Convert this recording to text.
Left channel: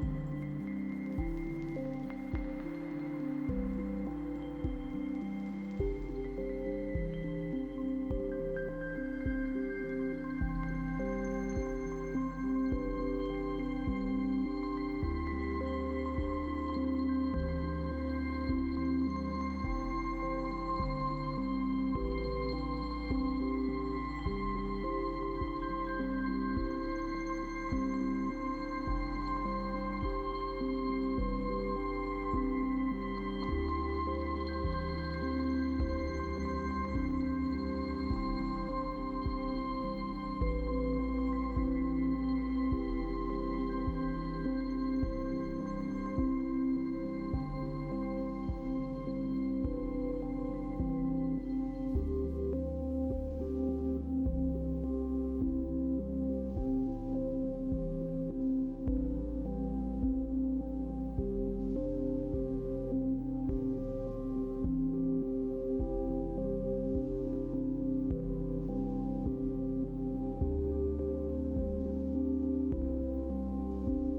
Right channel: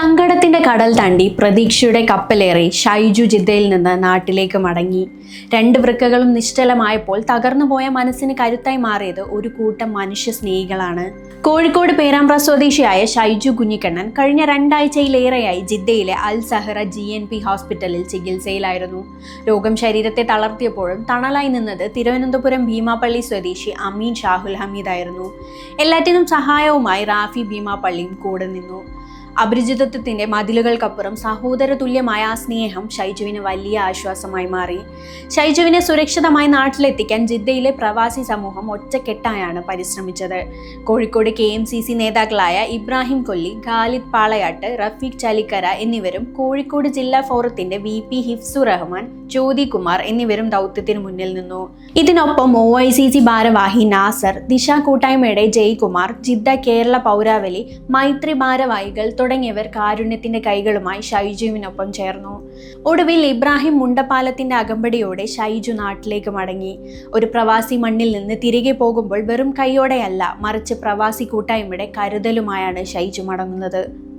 സങ്കടത്തിന്റെ കടൽ തണ്ടി പ്രതീക്ഷയുടെ കപ്പലേറി ഷൈജു ജിദ്ദയിൽ നിന്ന് നാട്ടിലേക്ക് മടങ്ങി. രണ്ട് വൃക്കകളും നിശ്ചലമായപ്പോൾ തകർന്നുപോയ മനസ്സിന് കരുത്തായി മാറിയത് ഒരു കൂട്ടം മനുഷ്യ സ്നേഹികളാണ് കോഴിക്കോട് പേരാമ്പ്ര സ്വദേശിയായ ഷൈജു കുഞ്ഞിക്കണ്ണൻ കഴിഞ്ഞ രണ്ടാഴ്ചയിലേറെയായി ജിദ്ദയിലെ Al Zahra G N P ഹോസ്പിറ്റലിൽ ചികിത്സയിലായിരുന്നു. രോഗം ശരീരത്തെ തളർത്തിയപ്പോഴും തണലായി നിന്നത് തിരുവനന്തപുരം ഭീമാപ്പള്ളി സ്വദേശി അമീൻ ഷാഹുൽ ഹമീദായിരുന്നു. എല്ലാറ്റിനും സഹായവുമായി റാഫി ഭീമാപ്പള്ളിയും കൂടെ നിന്നു. അപരിചിതത്വത്തിന്റെ മതിലുകൾക്കപ്പുറം സഹോദര തുല്യമായ ആ സ്നേഹം ഷൈജുവിന് വലിയ ആശ്വാസമായി മാറി. ഷൈജുവിനെ സുരക്ഷിതമായി നാട്ടിലെത്തിക്കാൻ ജിദ്ദയിലെ പ്രവാസി സമൂഹം ഒറ്റക്കെട്ടായാണ് പരിശ്രമിച്ചത്. Kozhikode K M C C നേതാക്കളായ ഇബ്രാഹിം കൊല്ലി ഖാലിദ് പാളയാട്ട് റഫീഖ് ചാലിക്കര എന്നിവരും കോഴിക്കോട് ജില്ലാ ഫോറത്തിന്റെ വി പി ഹിഫ്സു റഹ്മാൻ ജ്യോതി കുമാർ എന്നിവരും ദൗത്യത്തിന് മുന്നിൽ നിന്നു. ഇതിനൊപ്പം ഒ ഐ സി സി ഭാരവാഹി നാസർ ദിശ കൂട്ടായ്മയുടെ ജയ്കുമാർ ജിദ്ദ കേരള പൗരാവലി മൈത്രി ഭാരവാഹികൾ തുടങ്ങിയവർ കാരുണ്യത്തിന്റെ കൈകളുമായി ഷൈജുവിനൊപ്പം ചേർന്നു. ഒടുവിൽ ഇബ്രാഹിം മുണ്ടപ്പാലത്തിന്റെ അകമ്പടിയോടെ ഷൈജു നാട്ടിലേക്ക് മടങ്ങി. ഒരു പ്രവാസി മണ്ണിൽ നിന്ന് തിരികെ പോകുമ്പോൾ വെറും കൈയോടെയല്ല മറിച്ച് പ്രവാസി കൂട്ടായ്മയുടെ കരുതലുമായാണ് ഷൈജു മടങ്ങുന്നത്.